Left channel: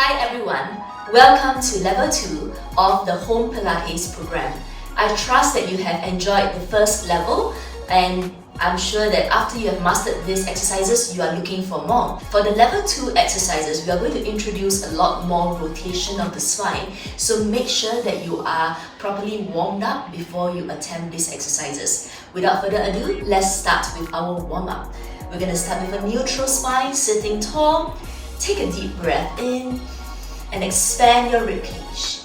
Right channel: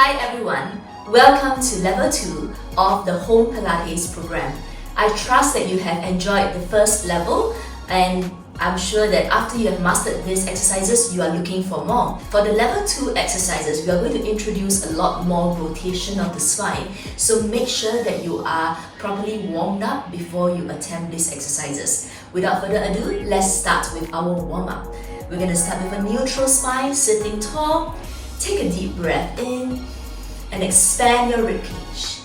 Hi everyone, welcome to level 2 of the Home Pilates program. I trust that you have enjoyed the first level and I'm sure that after you have mastered these exercises, you are looking for more. For the level 2 exercises, we are going to introduce a lot more rotation of the spine. So make sure that you are properly warmed up before you attempt these exercises. Without further ado, let's start with our warm-up. We're going to start with a neutral spine, sitting tall. Take a deep breath in and expand your ribcage.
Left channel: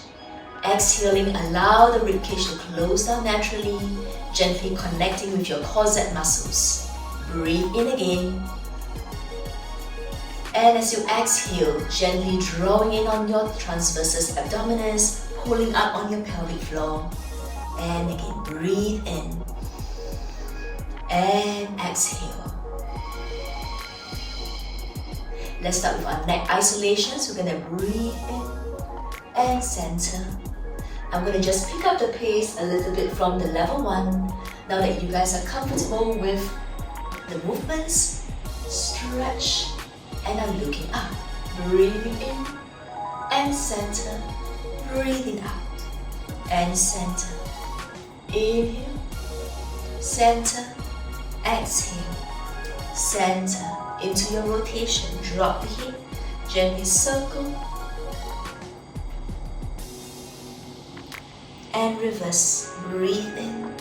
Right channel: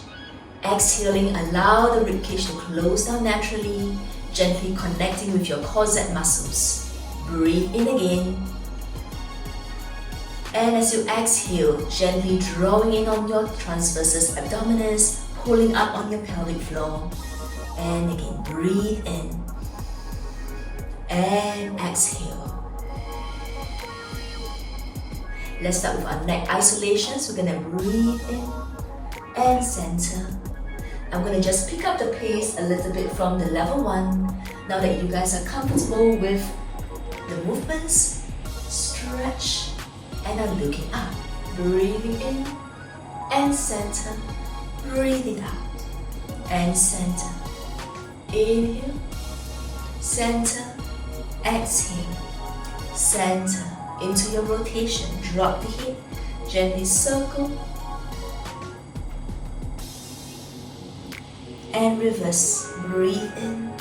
Exhaling, allow the ribcage to close down naturally, gently connecting with your corset muscles. Breathe in again. And as you exhale, gently drawing in on your transversus abdominis, pulling up on your pelvic floor. And again, breathe in. And exhale. Let's start with our neck isolation. So we're going to breathe in and center. I'm going to just pick up the pace a little bit from the level 1. Now that you guys are comfortable with the movements, stretch and are looking up. Breathing in and center. Breathing out and center. Inhale, center, exhale, center. Into your rotation, drop the hip, gently circle and reverse. Breathe in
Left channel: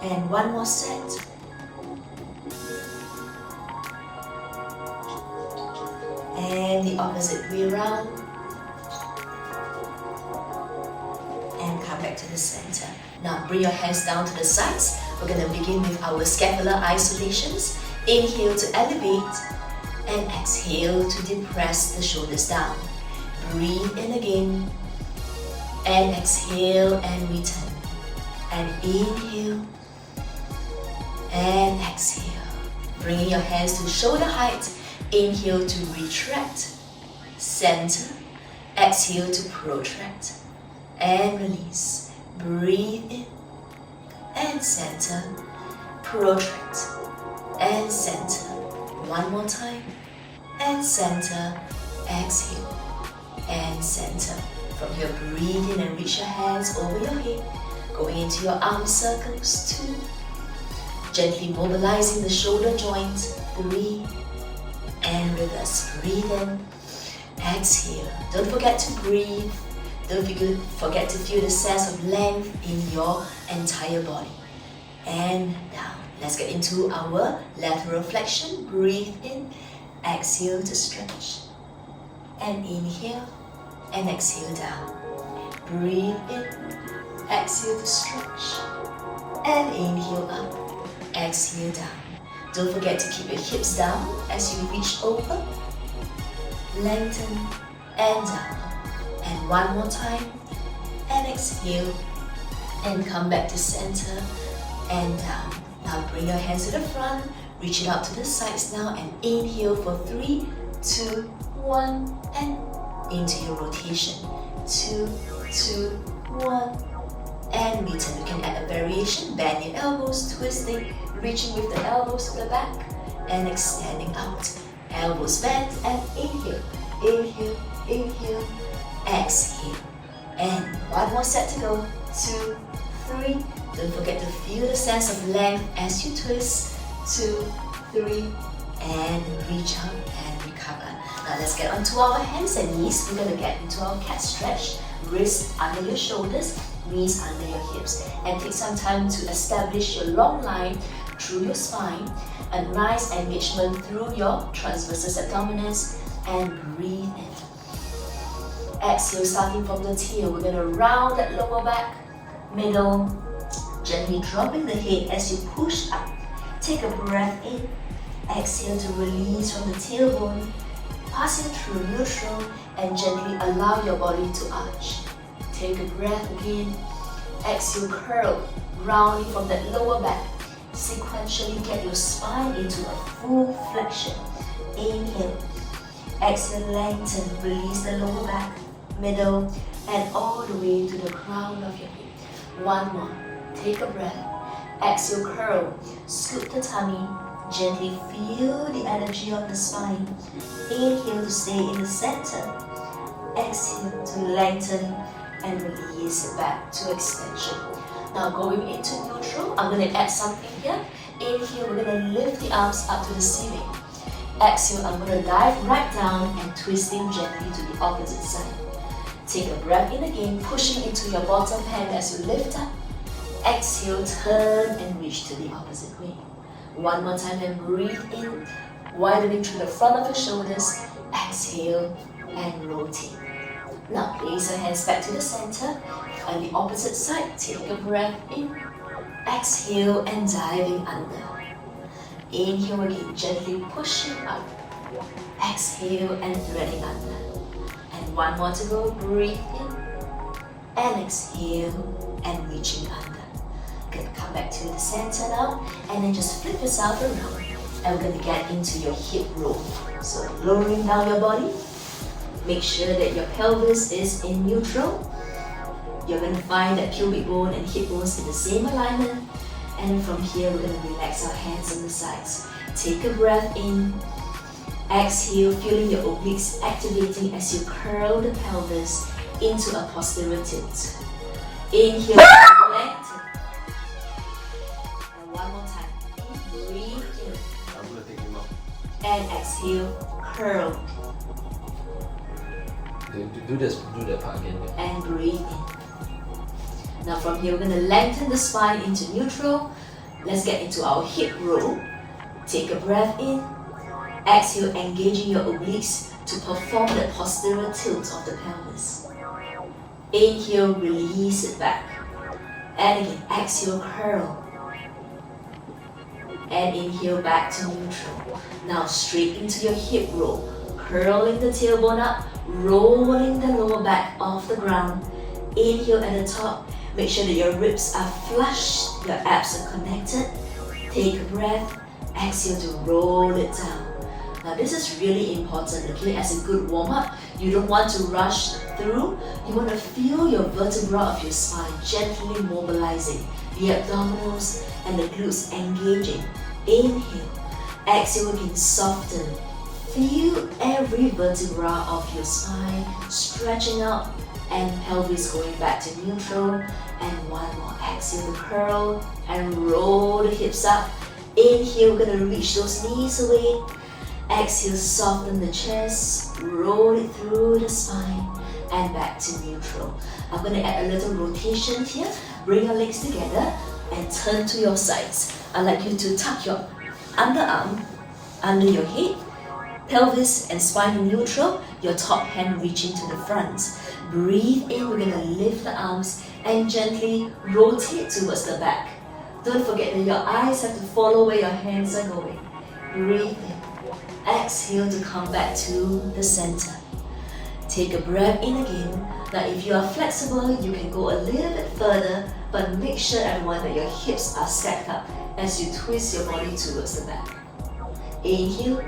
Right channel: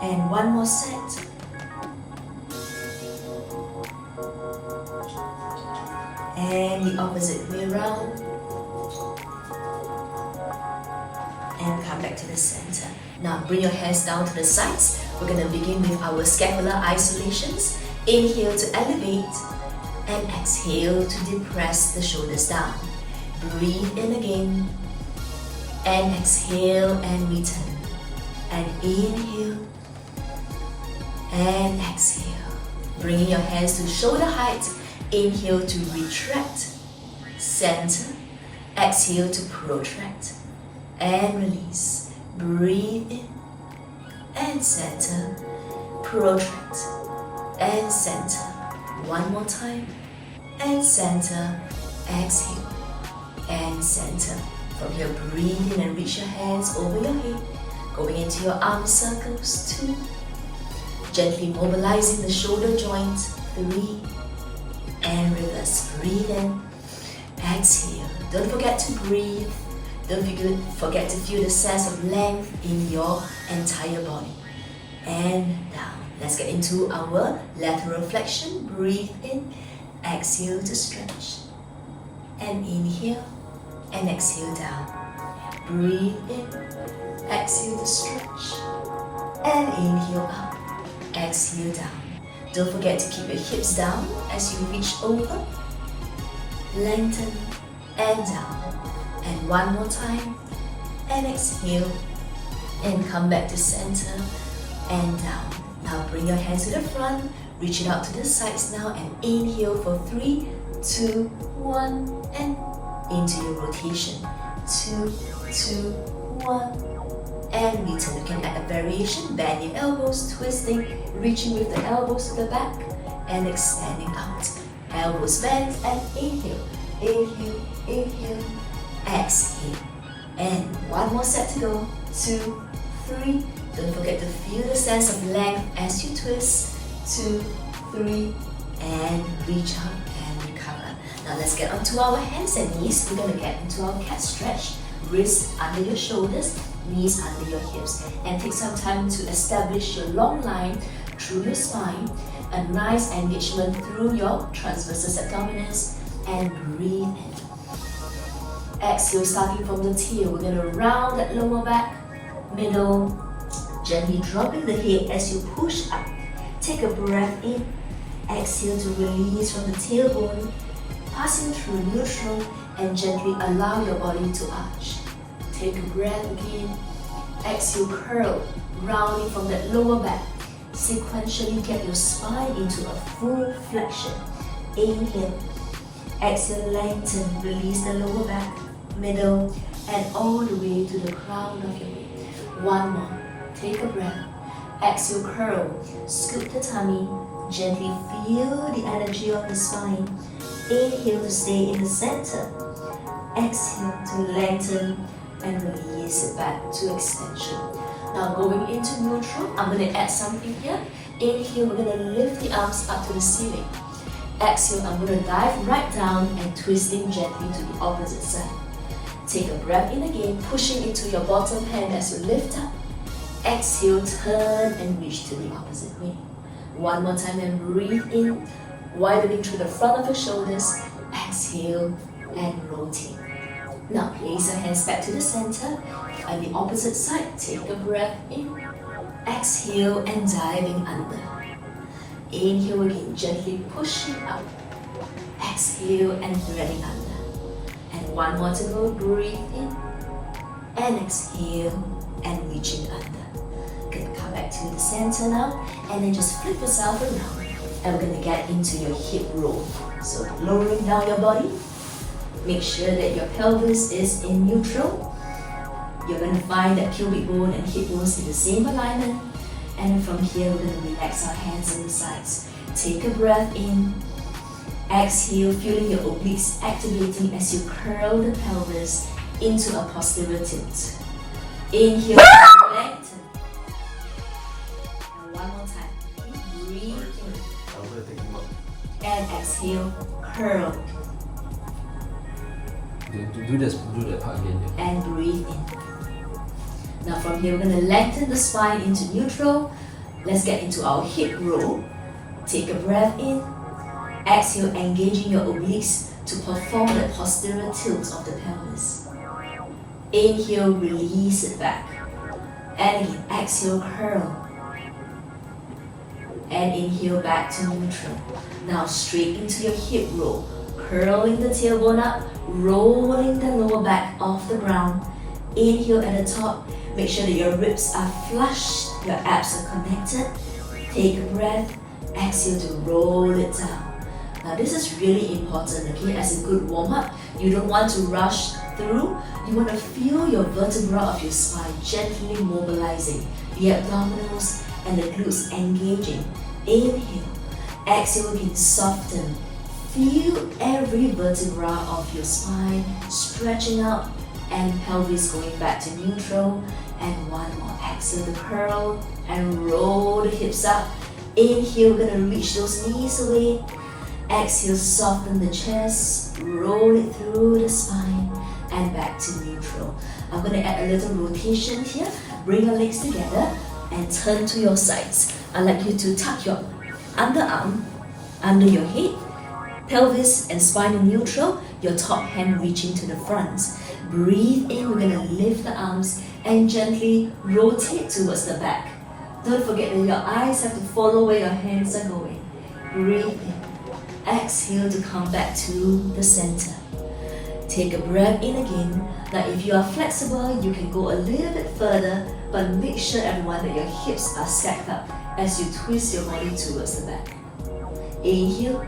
and one more set. And the opposite way around and come back to the center. Now bring your hands down to the sides. We're going to begin with our scapular isolations. Inhale to elevate and exhale to depress the shoulders down. Breathe in again and exhale and return. And inhale and exhale. Bringing your hands to shoulder height. Inhale to retract, center, exhale to protract and release. Breathe in and center, protract and center. One more time and center, exhale and center. From here, breathe in and reach your hands over your head, going into your arm circles. 2, gently mobilizing the shoulder joints. 3 and reverse. Breathe in, exhale. Don't forget to breathe. Don't forget to feel the sense of length in your entire body. And down. Let's get into our lateral flexion. Breathe in, exhale to stretch. And inhale and exhale down. Breathe in, exhale to stretch. And inhale up, exhale down. Don't forget to keep your hips down as you reach over. Lengthen and down. And one more time, and exhale, and come back to center, and down. Now bring your hands to the front, reach it out to the sides now, and inhale for 3, 2, 1, and into your rotation. 2, 2, 1, and return. You can add a variation, bend your elbows, twisting, reaching with the elbows to the back, and extending out. Elbows bent, and inhale, inhale, inhale, exhale. And one more set to go. 2, 3. Don't forget to feel the sense of length as you twist. 2, 3, and reach up and recover. Now let's get onto our hands and knees. We're going to get into our cat stretch. Wrists under your shoulders, knees under your hips. And take some time to establish your long line through your spine. A nice engagement through your transversus abdominis. And breathe in. Exhale, starting from the tail. We're going to round that lower back, middle, gently dropping the head as you push up. Take a breath in. Exhale to release from the tailbone, passing through neutral and gently allow your body to arch. Take a breath again. Exhale, curl, rounding from that lower back. Sequentially get your spine into a full flexion. Inhale. Exhale, lengthen, release the lower back, middle, and all the way to the crown of your head. One more. Take a breath. Exhale, curl, scoop the tummy, gently feel feel the energy of the spine. Inhale to stay in the center. Exhale to lengthen and release it back to extension. Now going into neutral, I'm going to add something here. Inhale, we're going to lift the arms up to the ceiling. Exhale, I'm going to dive right down and twisting gently to the opposite side. Take a breath in again, pushing into your bottom hand as you lift up. Exhale, turn and reach to the opposite way. One more time and breathe in, widening through the front of your shoulders. Exhale and rotate. Now place your hands back to the center and the opposite side. Take a breath in. Exhale and diving under. Inhale again, gently pushing up. Exhale and threading under. And one more to go. Breathe in and exhale and reaching under. Good. Come back to the center now and then just flip yourself around. And we're going to get into your hip roll. So lowering down your body. Make sure that your pelvis is in neutral. You're going to find that pubic bone and hip bones in the same alignment. And from here, we're going to relax our hands on the sides. Take a breath in. Exhale, feeling your obliques activating as you curl the pelvis into a posterior tilt. Inhale, lengthen. And one more time. Breathe in. And exhale, curl. Do that part again. Yeah. And breathe in. Now from here, we're going to lengthen the spine into neutral. Let's get into our hip roll. Take a breath in. Exhale, engaging your obliques to perform the posterior tilt of the pelvis. Inhale, release it back. And again, exhale, curl. And inhale back to neutral. Now straight into your hip roll. Curling the tailbone up, rolling the lower back off the ground. Inhale at the top. Make sure that your ribs are flush, your abs are connected. Take a breath. Exhale to roll it down. Now this is really important, okay? As a good warm-up, you don't want to rush through. You want to feel your vertebra of your spine gently mobilizing, the abdominals and the glutes engaging. Inhale. Exhale again, soften. Feel every vertebra of your spine stretching out and pelvis going back to neutral. And one more. Exhale to curl and roll the hips up. Inhale, we're going to reach those knees away. Exhale, soften the chest, roll it through the spine and back to neutral. I'm going to add a little rotation here. Bring your legs together and turn to your sides. I'd like you to tuck your underarm under your head, pelvis and spine in neutral, your top hand reaching to the front. Breathe in, we're going to lift the arms and gently rotate towards the back. Don't forget that your eyes have to follow where your hands are going. Breathe in. Exhale to come back to the center. Take a breath in again. Now if you are flexible, you can go a little bit further, but make sure everyone that your hips are stacked up as you twist your body towards the back. Inhale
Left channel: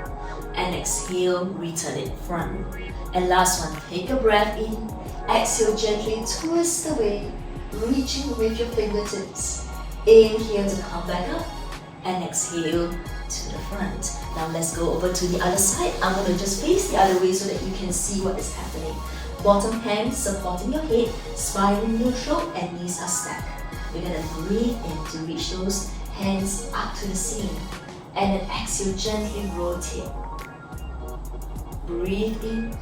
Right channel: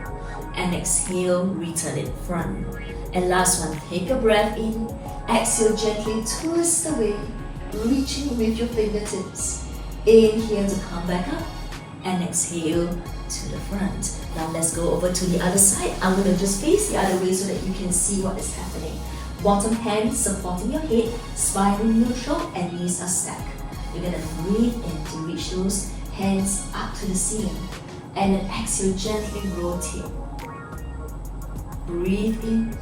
and exhale, return it front. And last one, take a breath in. Exhale, gently twist away, reaching with your fingertips. Inhale to come back up and exhale to the front. Now let's go over to the other side. I'm going to just face the other way so that you can see what is happening. Bottom hand supporting your head, spine neutral and knees are stacked. We're going to breathe in to reach those hands up to the ceiling. And then exhale, gently rotate. Breathe in.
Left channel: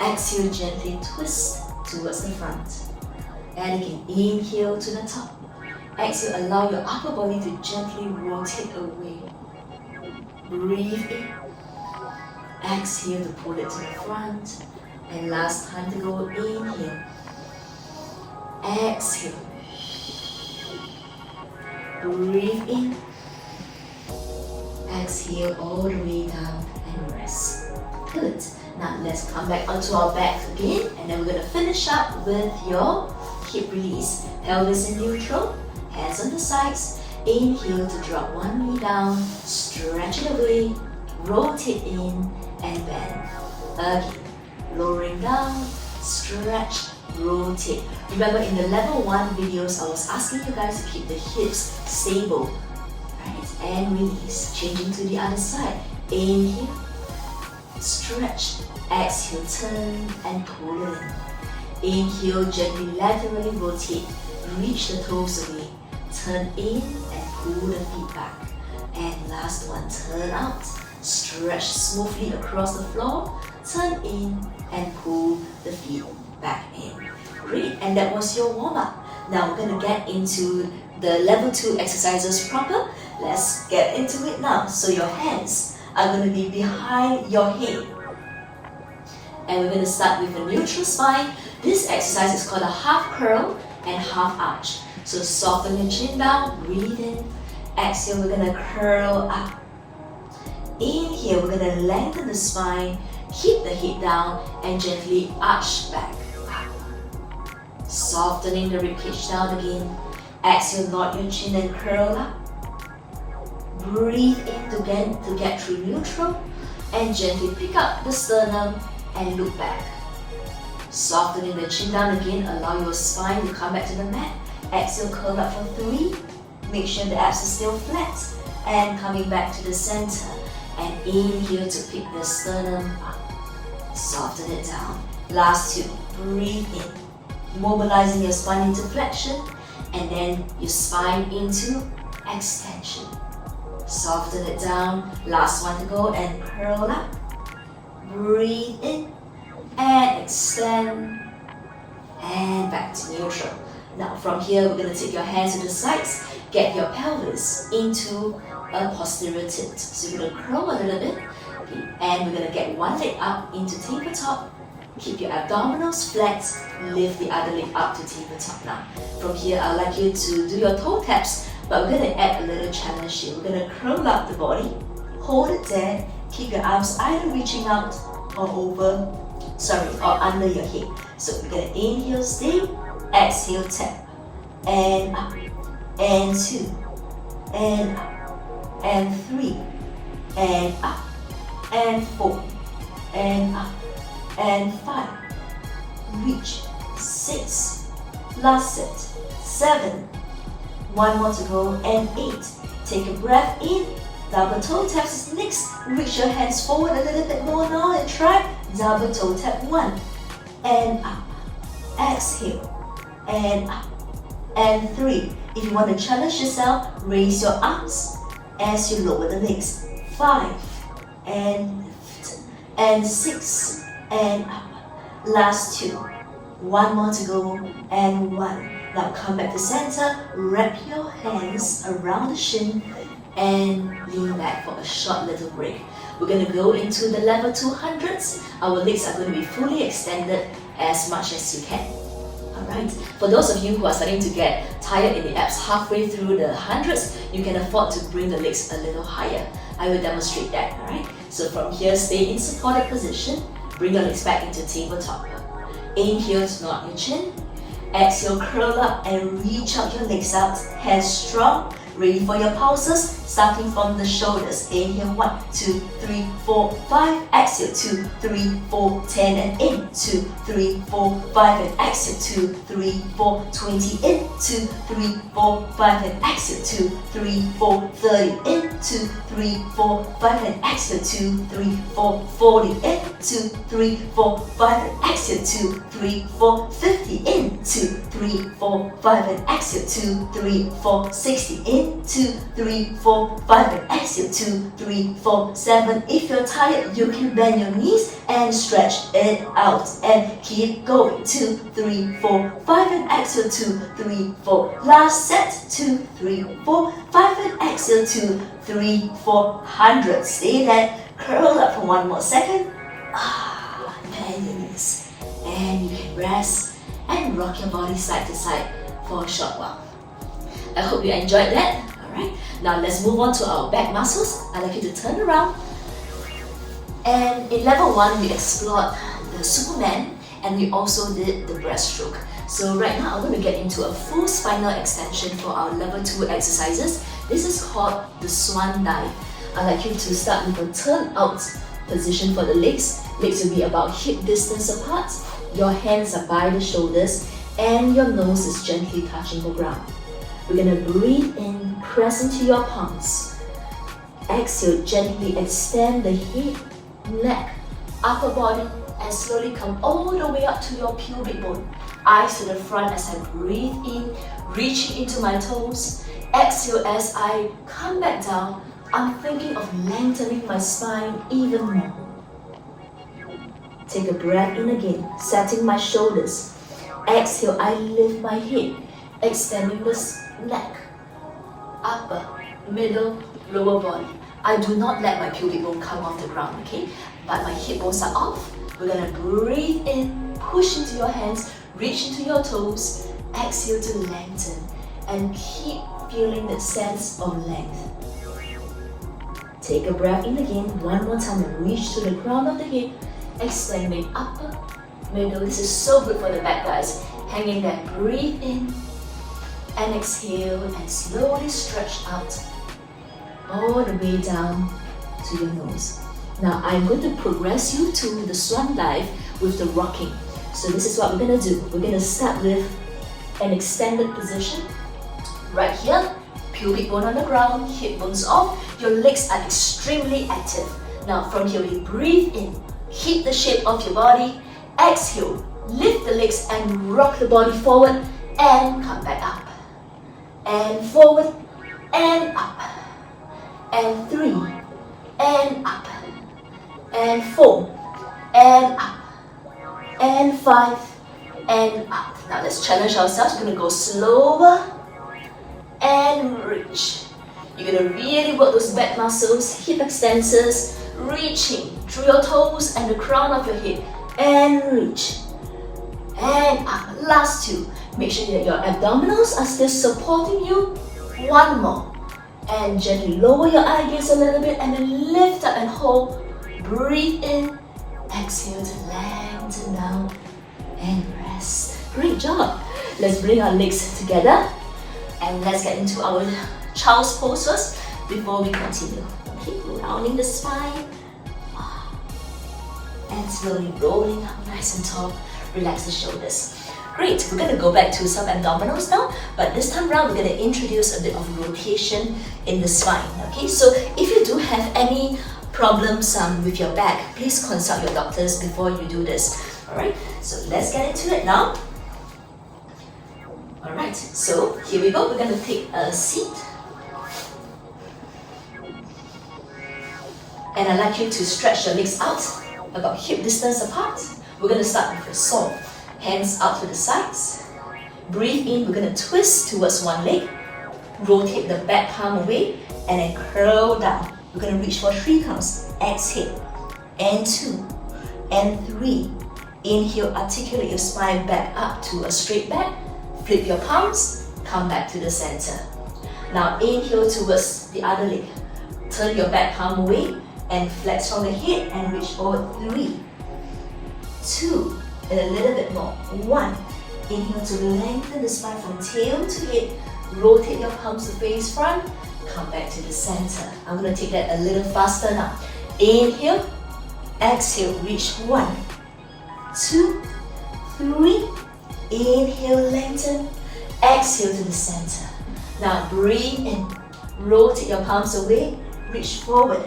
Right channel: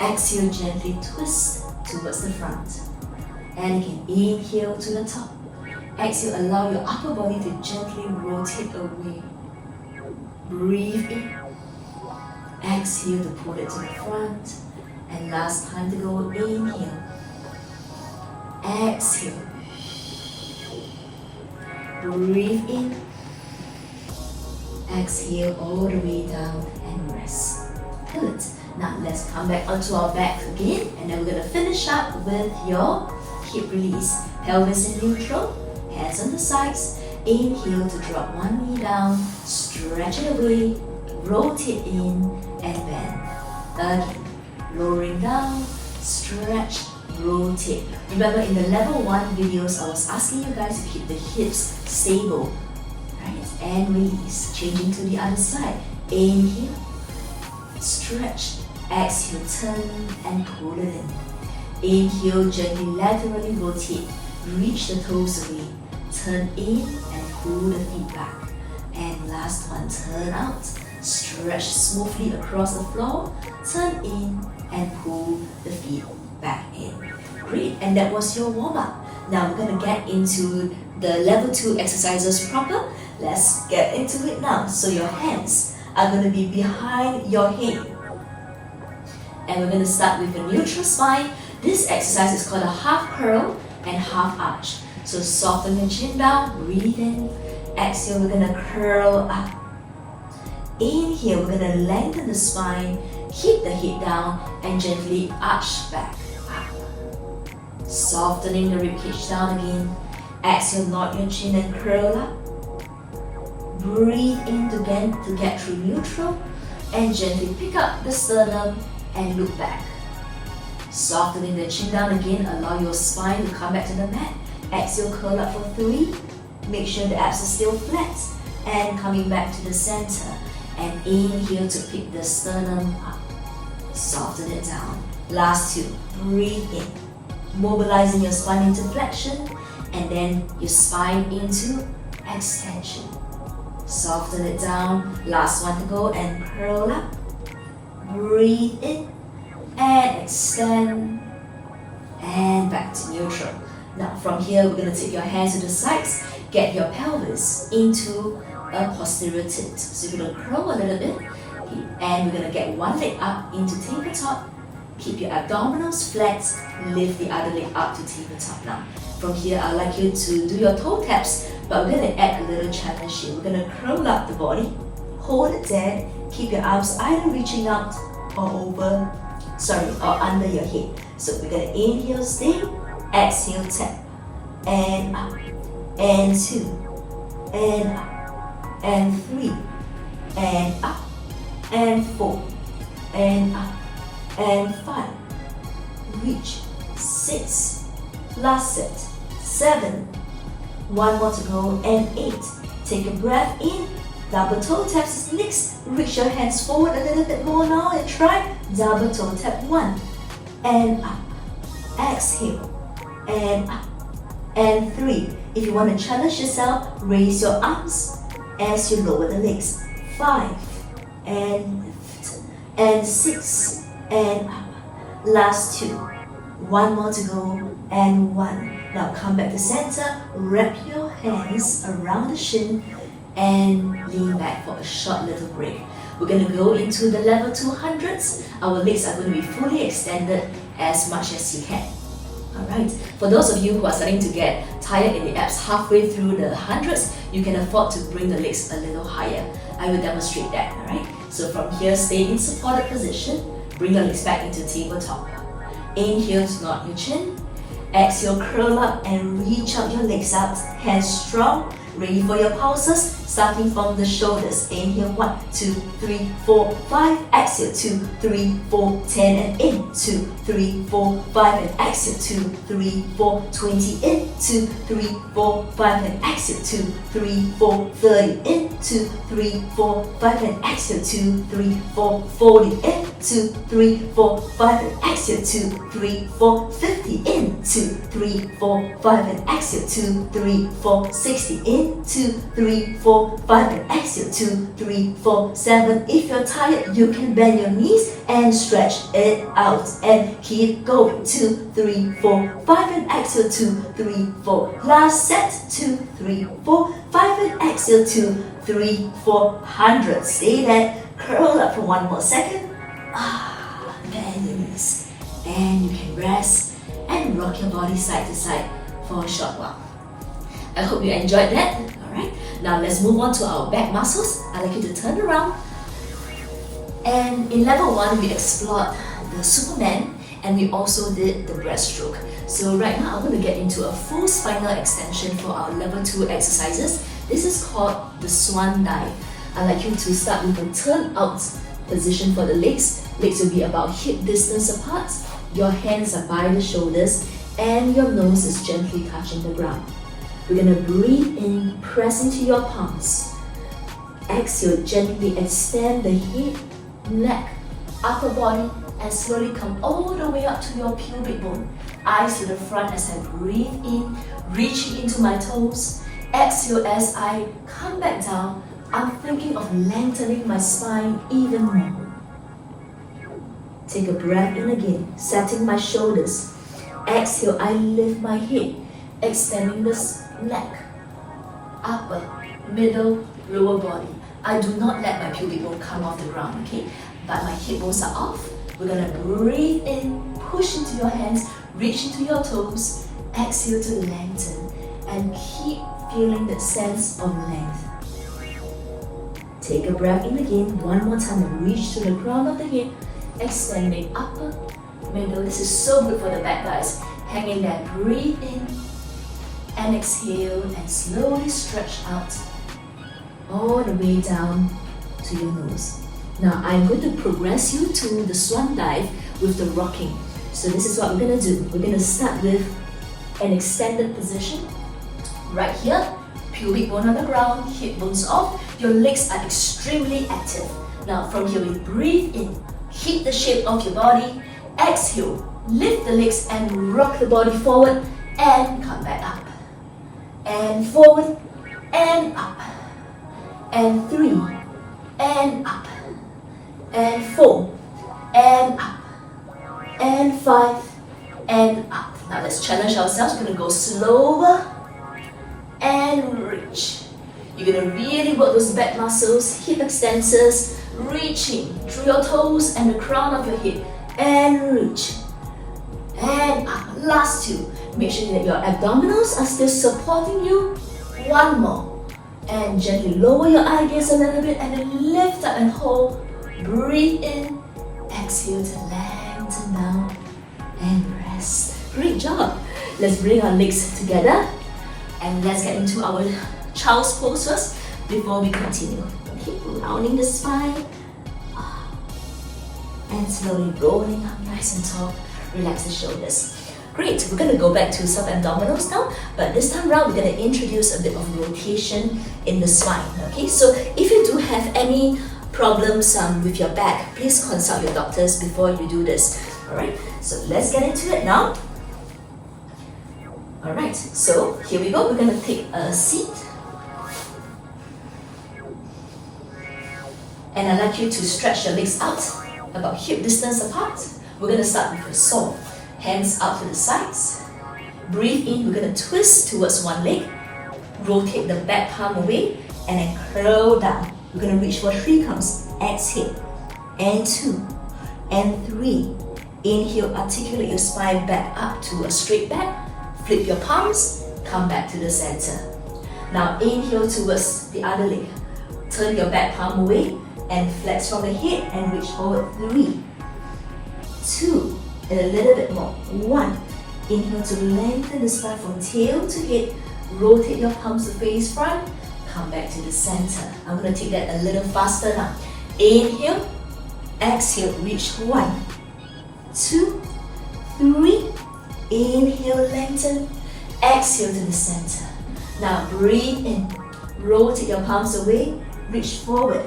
Exhale, gently twist towards the front. And again, inhale to the top. Exhale, allow your upper body to gently rotate away. Breathe in. Exhale to pull it to the front. And last time to go, inhale. Exhale. Breathe in. Exhale all the way down and rest. Good. Now let's come back onto our back again, and then we're going to finish up with your hip release. Pelvis in neutral, hands on the sides. Inhale to drop one knee down, stretch it away, rotate in and bend. Again, lowering down, stretch, rotate. Remember in the level 1 videos, I was asking you guys to keep the hips stable. Right, and release. Changing to the other side. Inhale, stretch. Exhale, turn and pull it in. Inhale, gently laterally rotate. Reach the toes away. Turn in and pull the feet back. And last one, turn out. Stretch smoothly across the floor. Turn in and pull the feet back in. Great, and that was your warm-up. Now we're going to get into the level 2 exercises proper. Let's get into it now. So your hands are going to be behind your head. And we're going to start with a neutral spine. This exercise is called a half curl and half arch. So soften your chin down, breathe in. Exhale, we're going to curl up. Inhale, we're going to lengthen the spine, keep the head down, and gently arch back up. Softening the ribcage down again. Exhale, nod your chin and curl up. Breathe in to get through neutral, and gently pick up the sternum and look back. Softening the chin down again, allow your spine to come back to the mat. Exhale, curl up for 3. Make sure the abs are still flat. And coming back to the center. And inhale to pick the sternum up. Soften it down. Last 2. Breathe in. Mobilizing your spine into flexion. And then your spine into extension. Soften it down. Last one to go and curl up. Breathe in. And extend. And back to neutral. Now from here, we're going to take your hands to the sides. Get your pelvis into a posterior tilt. So you're going to curl a little bit. And we're going to get one leg up into tabletop. Keep your abdominals flat. Lift the other leg up to tabletop now. From here, I'd like you to do your toe taps. But we're going to add a little challenge here. We're going to curl up the body. Hold it there. Keep your arms either reaching out or or under your head. So we're going to inhale, stay. Exhale, tap, and up, and 2, and up, and 3, and up, and 4, and up, and 5, reach, 6, last set, 7, one more to go, and 8, take a breath in, double toe taps next, reach your hands forward a little bit more now and try, double toe tap 1, and up, exhale, and up, and 3. If you want to challenge yourself, raise your arms as you lower the legs. 5, and lift, and 6, and up. Last 2. One more to go, and 1. Now come back to center, wrap your hands around the shin, and lean back for a short little break. We're going to go into the level 200s. Our legs are going to be fully extended as much as you can. Alright, for those of you who are starting to get tired in the abs halfway through the hundreds, you can afford to bring the legs a little higher. I will demonstrate that, alright? So from here, stay in supported position, bring your legs back into tabletop. Inhale to nod your chin, exhale, curl up and reach out your legs out, hands strong, ready for your pulses, starting from the shoulders. Inhale, 1, 2, 3, 4, 5, exhale, 2, 3, 4, 10, and in, 2, 3, 4, 5, and exhale, 2, 3, 4, 20, in, 2, 3, 4, 5, and exhale, 2, 3, 4, 30, in, 2, 3, 4, 5, and exhale, 2, 3, 4, 40, in, 2, 3, 4, 5, and exhale, 2, 3, 4, 50, in, 2, 3, 4, 5, and exhale, 2, 3, 4, 60, in, 2, 3, 4, 5, and exhale, 2, 3, 4, 7. If you're tired, you can bend your knees and stretch it out and keep going. 2, 3, 4, 5, and exhale, 2, 3, 4. Last set, 2, 3, 4, 5, and exhale, 2, 3, 4. 100. Stay there. Curl up for one more second. Bend your knees. And you can rest and rock your body side to side for a short while. I hope you enjoyed that. Alright, now let's move on to our back muscles. I'd like you to turn around. And in level 1, we explored the Superman and we also did the breaststroke. So right now, I'm going to get into a full spinal extension for our level 2 exercises. This is called the Swan dive. I'd like you to start with a turn out position for the legs. Legs will be about hip distance apart. Your hands are by the shoulders and your nose is gently touching the ground. We're gonna breathe in, press into your palms. Exhale, gently extend the hip, neck, upper body, and slowly come all the way up to your pubic bone. Eyes to the front as I breathe in, reaching into my toes. Exhale as I come back down. I'm thinking of lengthening my spine even more. Take a breath in again, setting my shoulders. Exhale, I lift my head, extending the neck, upper, middle, lower body. I do not let my pubic bone come off the ground, okay? But my hip bones are off. We're gonna breathe in, push into your hands, reach into your toes. Exhale to lengthen and keep feeling that sense of length. Take a breath in again, one more time, and reach to the crown of the head, extending upper, middle. This is so good for the back, guys. Hang in there, breathe in, and exhale, and slowly stretch out all the way down to your nose. Now I'm going to progress you to the swan dive with the rocking. So this is what we're going to do. We're going to start with an extended position. Right here, pubic bone on the ground, hip bones off. Your legs are extremely active. Now from here we breathe in, keep the shape of your body. Exhale, lift the legs and rock the body forward and come back up. And forward and up. And 3 and up. And 4 and up. And 5 and up. Now let's challenge ourselves. We're going to go slower and reach. You're going to really work those back muscles, hip extensors, reaching through your toes and the crown of your head. And reach. And up. Last 2. Make sure that your abdominals are still supporting you. 1 more. And gently lower your eye gaze a little bit and then lift up and hold. Breathe in. Exhale to lengthen down and rest. Great job. Let's bring our legs together and let's get into our child's pose first before we continue. Keep rounding the spine and slowly rolling up nice and tall. Relax the shoulders. Great, we're going to go back to some abdominals now, but this time around we're going to introduce a bit of rotation in the spine. Okay, so if you do have any problems with your back, please consult your doctors before you do this. Alright, so let's get into it now. Alright, so here we go. We're going to take a seat. And I'd like you to stretch your legs out about hip distance apart. We're going to start with a Swan. Hands out to the sides. Breathe in, we're going to twist towards one leg. Rotate the back palm away and then curl down. We're going to reach for 3 counts. Exhale. And 2. And 3. Inhale, articulate your spine back up to a straight back. Flip your palms, come back to the center. Now inhale towards the other leg. Turn your back palm away and flex from the head and reach forward. 3, 2, and a little bit more. 1. Inhale to lengthen the spine from tail to head. Rotate your palms to face front. Come back to the center. I'm going to take that a little faster now. Inhale. Exhale. Reach 1, 2, 3. Inhale. Lengthen. Exhale to the center. Now breathe in. Rotate your palms away. Reach forward.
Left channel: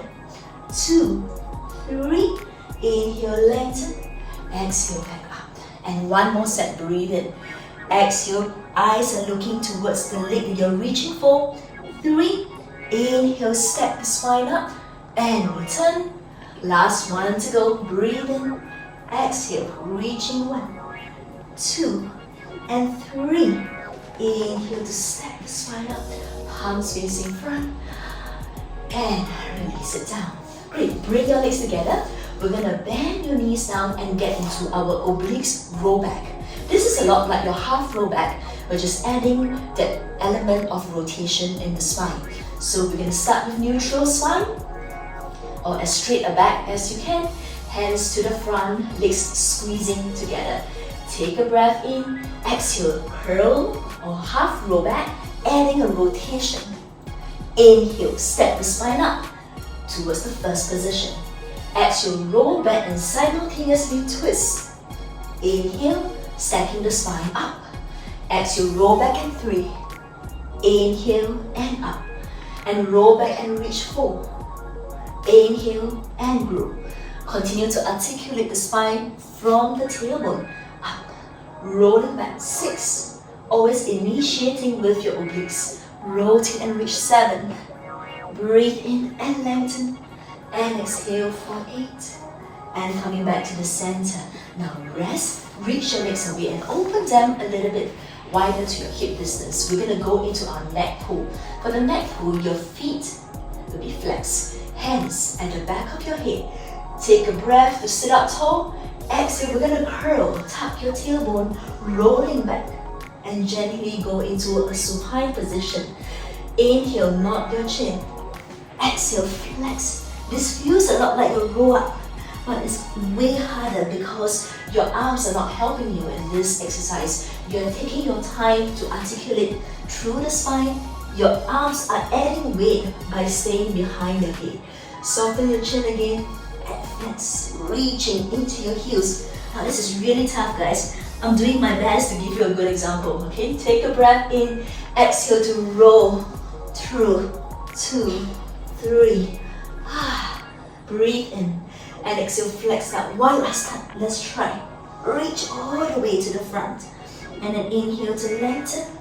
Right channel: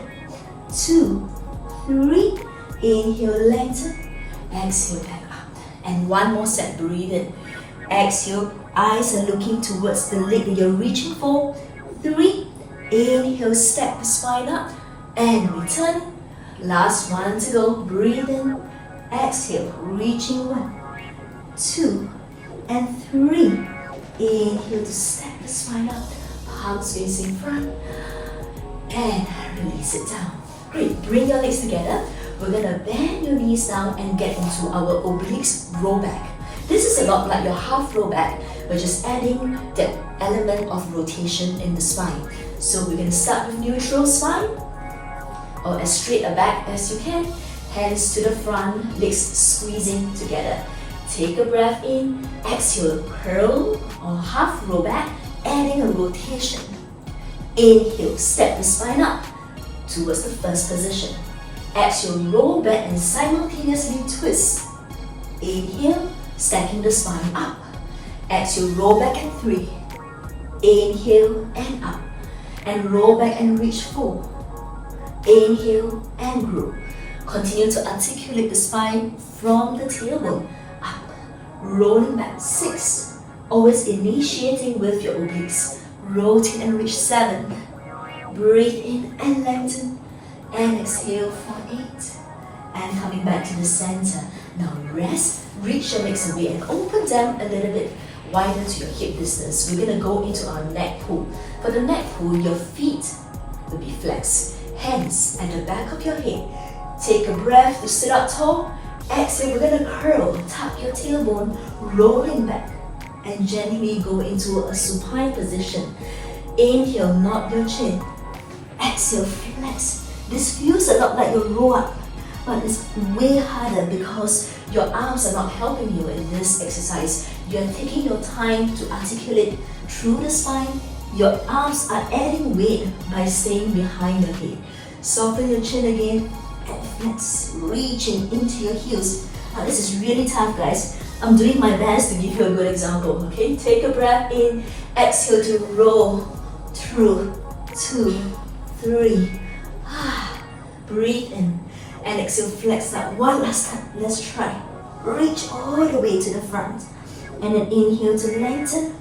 2, 3. Inhale. Lengthen. Exhale. Back up. And one more set. Breathe in. Exhale. Eyes are looking towards the leg that you're reaching for. 3. Inhale. Step the spine up. And return. Last one to go. Breathe in. Exhale. Reaching 1, 2, and 3. Inhale to step the spine up. Palms facing front. And release it down. Great. Bring your legs together. We're going to bend your knees down and get into our obliques roll back. This is a lot like your half roll back. We're just adding that element of rotation in the spine. So we're going to start with neutral spine, or as straight a back as you can. Hands to the front, legs squeezing together. Take a breath in. Exhale, curl or half roll back, adding a rotation. Inhale, step the spine up towards the first position. Exhale, roll back and simultaneously twist. Inhale, stacking the spine up. Exhale, roll back in 3, Inhale and up. And roll back and reach 4. Inhale and grow. Continue to articulate the spine from the tailbone up. Rolling back 6. Always initiating with your obliques. Rotate and reach 7. Breathe in and lengthen. And exhale for 8. And coming back to the center. Now rest, reach your legs away and open them a little bit wider to your hip distance. We're going to go into our neck pull. For the neck pull, your feet will be flexed. Hands at the back of your head. Take a breath to sit up tall. Exhale, we're going to curl, tuck your tailbone, rolling back. And gently go into a supine position. Inhale, nod your chin. Exhale, flex. This feels a lot like a roll up, but it's way harder because your arms are not helping you in this exercise. You're taking your time to articulate through the spine. Your arms are adding weight by staying behind the head. Soften your chin again and flex, reaching into your heels. Now this is really tough, guys. I'm doing my best to give you a good example, okay? Take a breath in, exhale to roll through, 2, 3. Breathe in and exhale, flex out. One last time, let's try. Reach all the way to the front and then inhale to lengthen.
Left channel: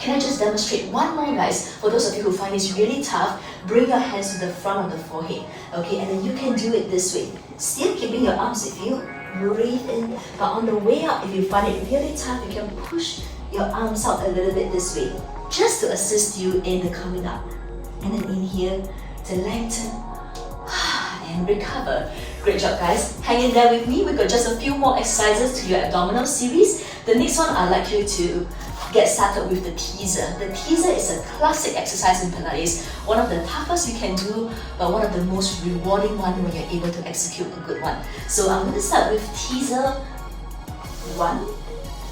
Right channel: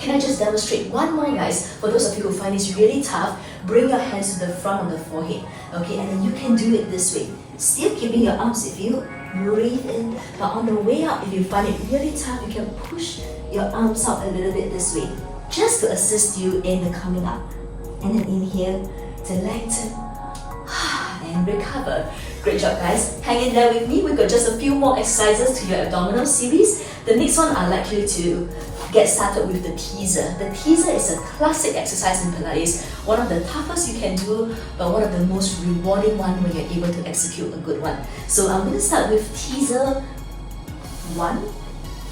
Can I just demonstrate one more, guys? For those of you who find this really tough, bring your hands to the front of the forehead, okay? And then you can do it this way. Still keeping your arms with you. Breathe in, but on the way up, if you find it really tough, you can push your arms out a little bit this way, just to assist you in the coming up. And then inhale to lengthen and recover. Great job, guys. Hang in there with me. We've got just a few more exercises to your abdominal series. The next one, I'd like you to get started with the teaser. The teaser is a classic exercise in Pilates, one of the toughest you can do, but one of the most rewarding one when you're able to execute a good one. So I'm going to start with teaser 1.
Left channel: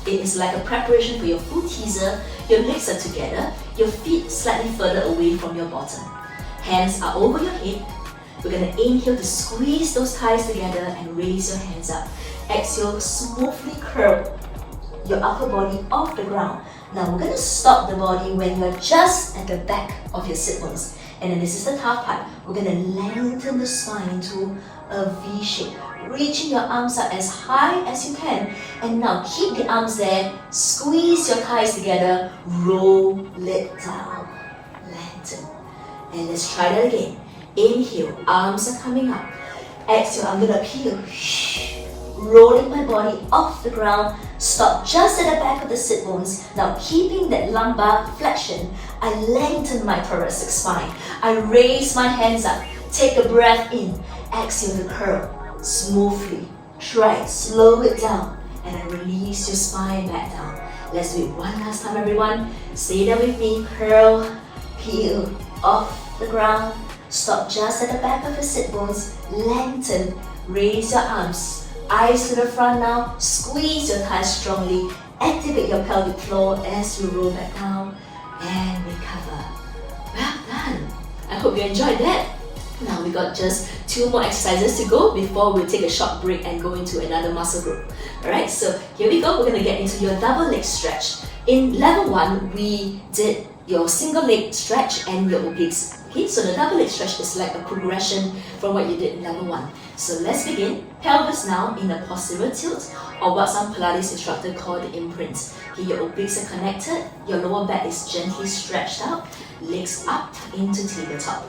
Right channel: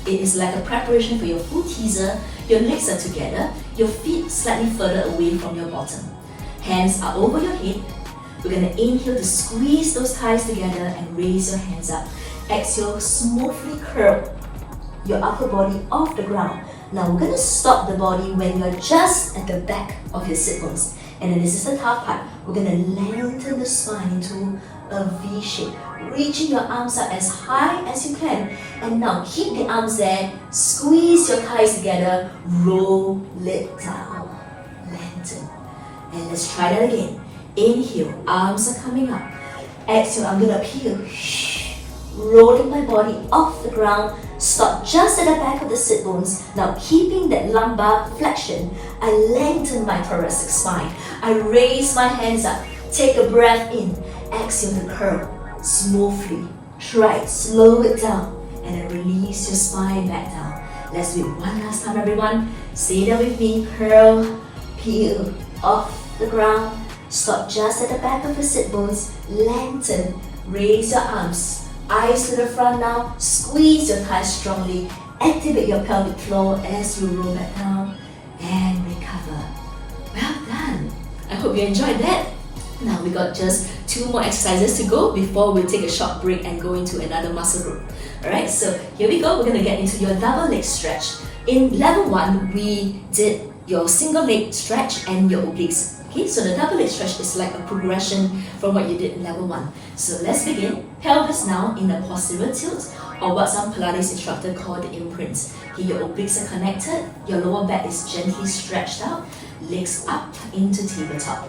It is like a preparation for your full teaser. Your legs are together, your feet slightly further away from your bottom. Hands are over your head. We're going to inhale to squeeze those thighs together and raise your hands up. Exhale, smoothly curl your upper body off the ground. Now we're going to stop the body when you're just at the back of your sit bones. And then this is the tough part. We're going to lengthen the spine into a V shape, reaching your arms up as high as you can. And now keep the arms there, squeeze your thighs together, roll it down, lengthen. And let's try that again. Inhale, arms are coming up. Exhale, I'm going to peel, rolling my body off the ground. Stop just at the back of the sit bones. Now keeping that lumbar flexion, I lengthen my thoracic spine. I raise my hands up. Take a breath in. Exhale to curl smoothly. Try it. Slow it down. And then release your spine back down. Let's do it one last time, everyone. Stay there with me. Curl, peel off the ground. Stop just at the back of your sit bones. Lengthen. Raise your arms. Eyes to the front now. Squeeze your thighs strongly. Activate your pelvic floor as you roll back down and recover. Well done. I hope you enjoyed that. Now we got just 2 more exercises to go before we'll take a short break and go into another muscle group. Alright, so here we go. We're going to get into your double leg stretch. In level 1, we did your single leg stretch and your obliques. Okay, so the double leg stretch is like a progression from what you did in level 1. So let's begin. Pelvis now in a posterior tilt, or what some Pilates instructors call the imprint. Okay, your obliques are connected, your lower back is gently stretched out, legs up into tabletop.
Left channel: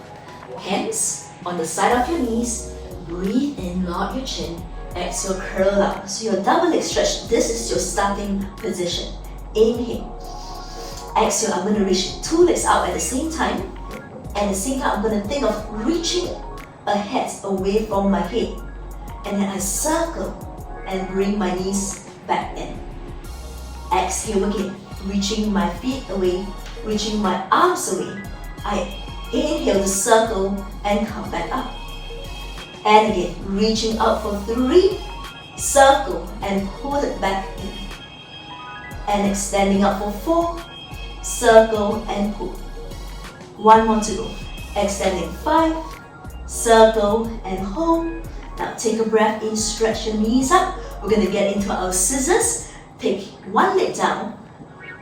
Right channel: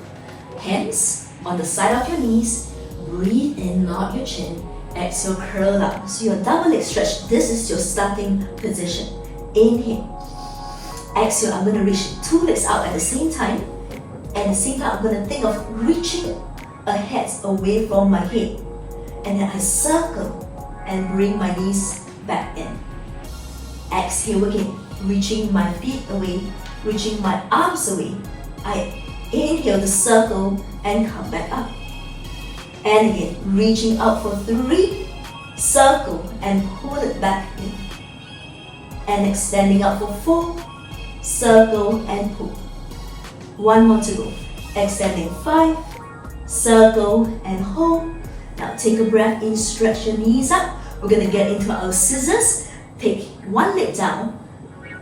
Hands on the side of your knees, breathe in, nod your chin, exhale, curl up. So your double leg stretch, this is your starting position. Inhale. Exhale, I'm going to reach 2 legs out at the same time. And at the same time, I'm going to think of reaching ahead away from my head. And then I circle and bring my knees back in. Exhale again, reaching my feet away, reaching my arms away. I inhale to circle and come back up. And again, reaching out for 3, circle and pull it back in. And extending out for 4, circle and pull. 1 more to go. Extending 5, circle and hold. Now take a breath in, stretch your knees up. We're going to get into our scissors. Take 1 leg down,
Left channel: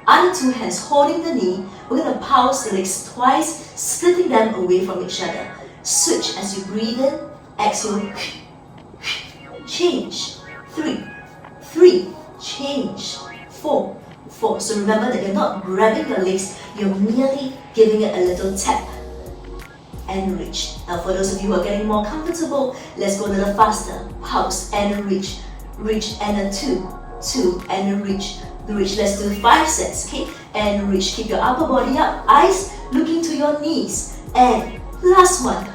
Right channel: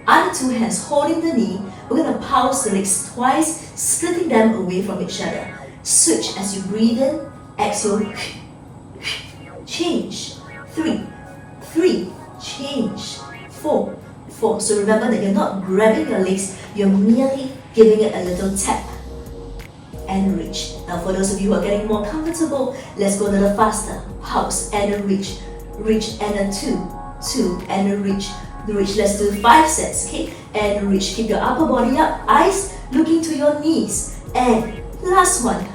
Other two hands holding the knee. We're going to pulse the legs twice, splitting them away from each other. Switch as you breathe in, exhale, change. 3, change. 4. So remember that you're not grabbing your legs, you're merely giving it a little tap. And reach. Now for those of you who are getting more comfortable, let's go a little faster. Pulse and reach. Reach and a 2 and a reach. Let's do 5 sets, okay? And reach. Keep your upper body up, eyes looking to your knees. And last one.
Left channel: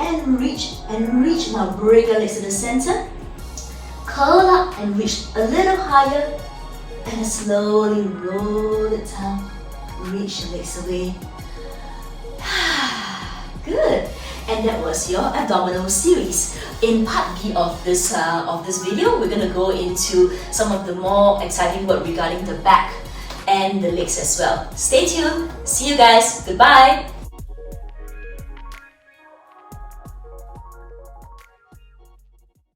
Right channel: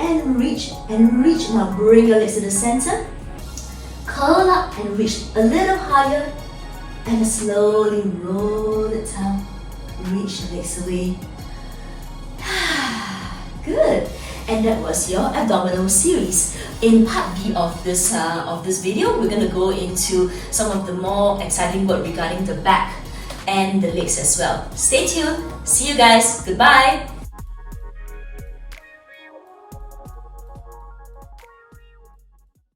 And reach. Now bring your legs to the center. Curl up and reach a little higher. And slowly roll it down. Reach your legs away. Good. And that was your abdominal series. In part B of this video, we're gonna go into some of the more exciting work regarding the back and the legs as well. Stay tuned. See you guys. Goodbye.